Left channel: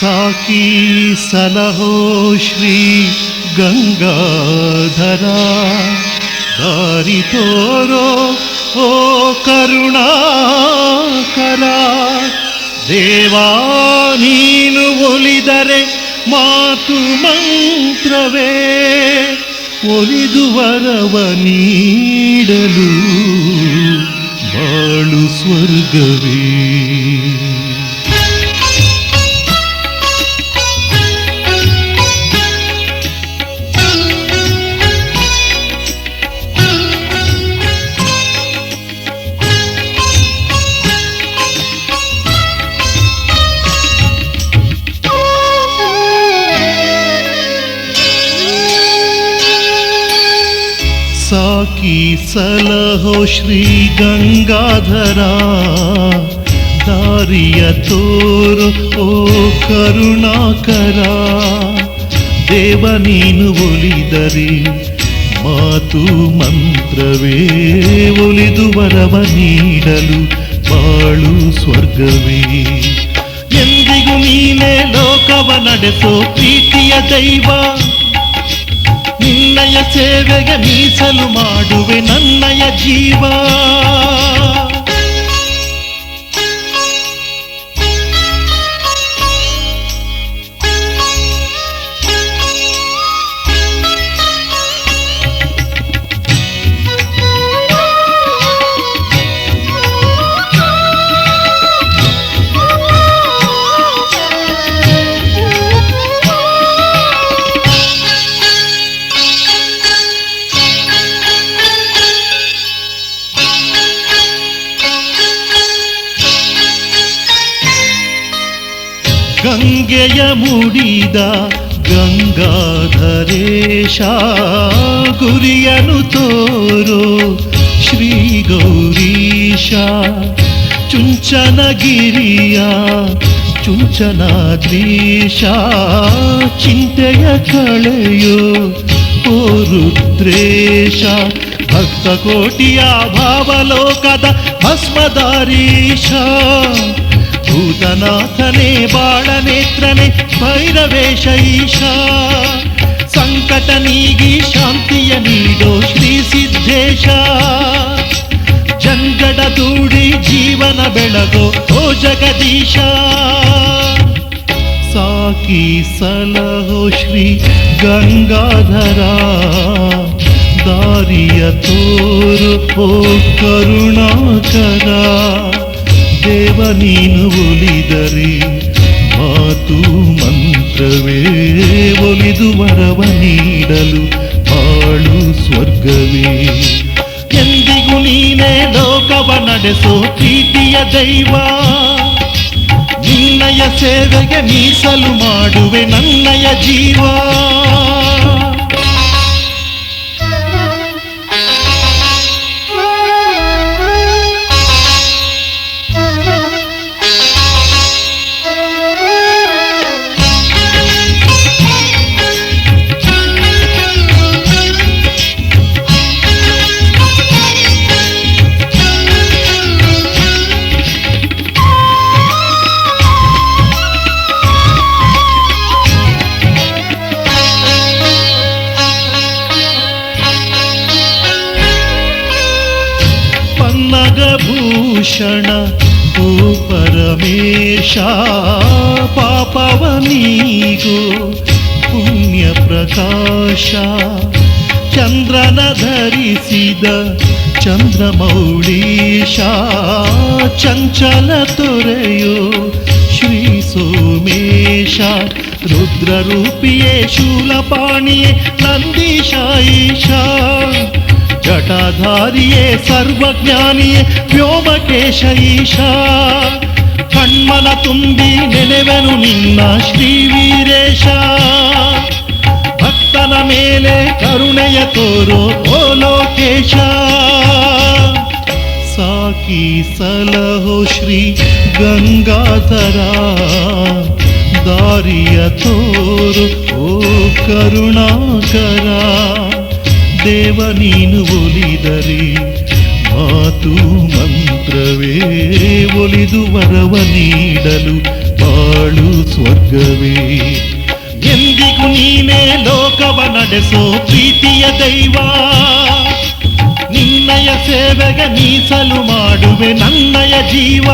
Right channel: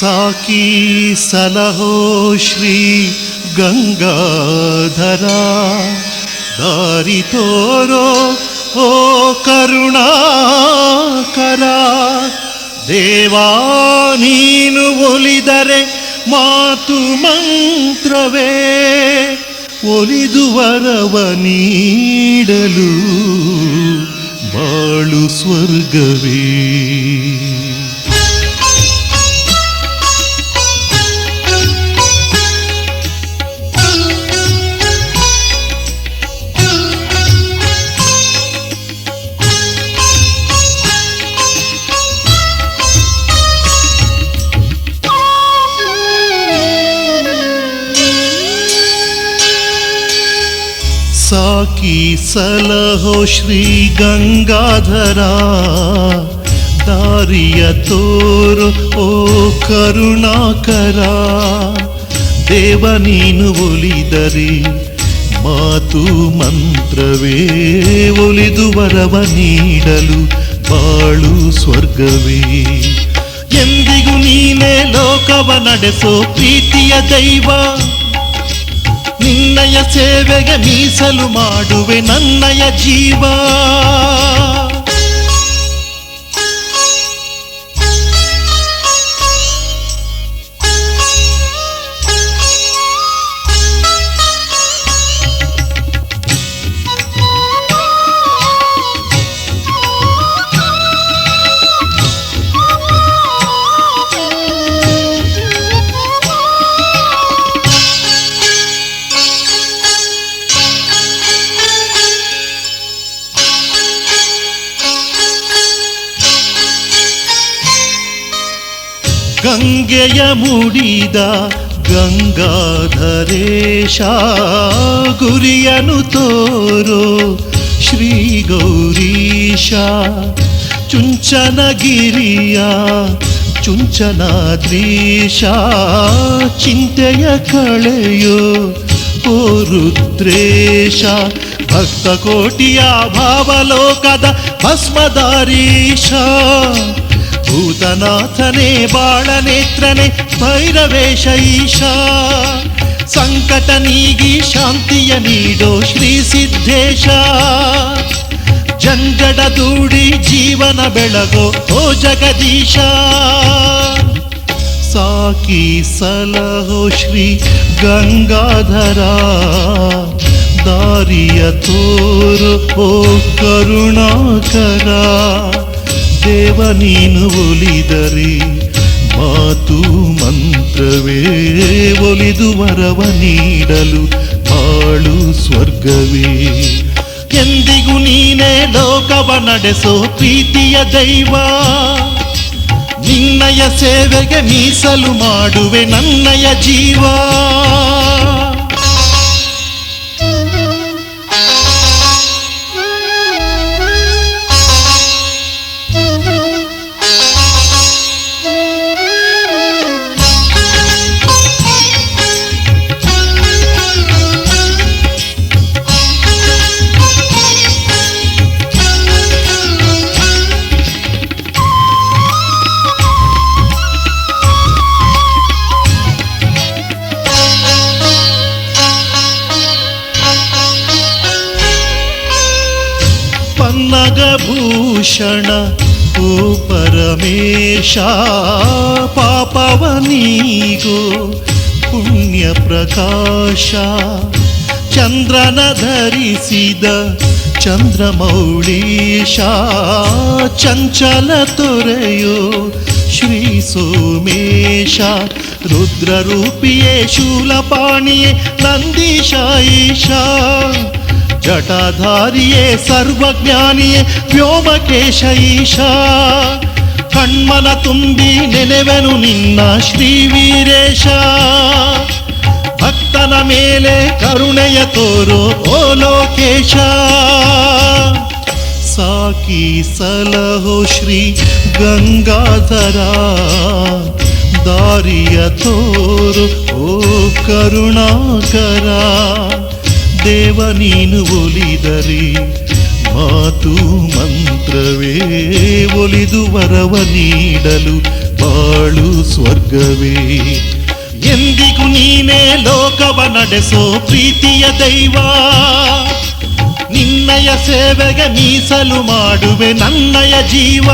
ಸಾಕಿ ಸಲಹೋ ಶ್ರೀ ಗಂಗಾಧರ. ದಾರಿ ತೋರೋ ಓ ಕರುಣಾಕರ. ದೇವಾ, ನೀನು ಒಲಿದರೆ ಮಾತು ಮಂತ್ರವೇ. ಒಲಿದು ವರವ ನೀಡಲು ಬಾಳು ಸ್ವರ್ಗವೇ. ಸಾಕಿ ಸಲಹೋ ಶ್ರೀ ಗಂಗಾಧರ. ದಾರಿಯ ತೋರು, ಓ ಕರುಣಾಕರ. ದೇವ ನೀನು ಒಲಿದರೆ ಮಾತು ಮಂತ್ರವೇ. ಒಲಿದು ವರವ ನೀಡಲು ಬಾಳು ಸ್ವರ್ಗವೇ. ಎಂದಿಗೂ ನೀನೇ ಲೋಕವ ನಡೆಸೋ ಪ್ರೀತಿಯ ದೈವ. ಸೇವೆಗೆ ಮೀಸಲು ಮಾಡುವೆ ನನ್ನಯ ಜೀವ. ಗಂಗೆಯ ಮುಡಿದ ಗಂಗಾಧರೇಶ ಗುರಿಯನು ತೋರೋ ಶ್ರೀ ಗೌರೀಶ ಚುಂಚನಗಿರಿಯ ಚುಂಚನಾದ್ರೀಶ ಚಿಂತೆಯ ಕಳೆಯೋ ಓ ರುದ್ರೇಶ ಭಕ್ತ ಕೋಟಿಯ ಭಾವಲೋಕದ ಭಸ್ಮದಾರೀಶ ಭೂತನಾಥನೇ ಬಾಳನೇತ್ರನೆ ಭೈರವೇಶ ಈಶ ಸಂಕಟ ನೀಗಿ ಶಾಂತಿಯ ನೀಡೋ ಶ್ರೀ ಸಿದ್ದೇಶ ಜಂಜಡ ದೂಡಿ ಜೀವನ ಬೆಳಗೋ ಓ ಜಗದೀಶ ಸಾಕಿ ಸಲಹೋ ಶ್ರೀ ಗಂಗಾಧರ ದಾರಿಯ ತೋರು ಓ ಕರುಣಾಕರ ದೇವ ನೀನು ಒಲಿದರೆ ಮಾತು ಮಂತ್ರವೇ ಒಲಿದು ವರವ ನೀಡಲು ಬಾಳು ಸ್ವರ್ಗವೇ. ಎಂದಿಗೂ ನೀನೇ ಲೋಕವ ನಡೆಸೋ ಪ್ರೀತಿಯ ದೈವ. ನಿನ್ನಯ ಸೇವೆಗೆ ಮೀಸಲು ಮಾಡುವೆ ನನ್ನಯ ಜೀವ. ಪನ್ನಗಭೂಷಣ ಓ ಪರಮೇಶ ಪಾಪವನೀಗೋ ಪುಣ್ಯ ಪ್ರಕಾಶ ಚಂದ್ರನ ಧರಿಸಿದ ಚಂದ್ರಮೌಳೀಶ ಚಂಚಲ ತೊರೆಯೋ ಶ್ರೀ ಸೋಮೇಶ ರುದ್ರರೂಪಿಯೇ ಶೂಲಪಾಣಿಯೇ ನಂದೀಶ ಈಶಾ ಜಟಾಧಾರಿಯೇ ಸರ್ವಜ್ಞಾನಿಯೇ ವ್ಯೋಮಕೇಶ ಈಶಾ. ಕಣ್ಮನ ತುಂಬಿ ನೆನೆವೆನು ನಿನ್ನ ಶ್ರೀ ವೀರೇಶ. ಭಕ್ತನ ಮೇಲೆ ಕರುಣೆಯ ತೋರು ಓ ಲೋಕೇಶ. ಸಾಕಿ ಸಲಹೋ ಶ್ರೀ ಗಂಗಾಧರ. ದಾರಿಯ ತೋರು ಓ ಕರುಣಾಕರ. ದೇವ ನೀನು ಒಲಿದರೆ ಮಾತು ಮಂತ್ರವೇ, ಒಲಿದು ವರವ ನೀಡಲು ಬಾಳು ಸ್ವರ್ಗವೇ. ಎಂದಿಗೂ ನೀನೇ ಲೋಕವ ನಡೆಸೋ ಪ್ರೀತಿಯ ದೈವ. ನಿನ್ನಯ ಸೇವೆಗೆ ಮೀಸಲು ಮಾಡುವೆ ನನ್ನಯ ಜೀವ.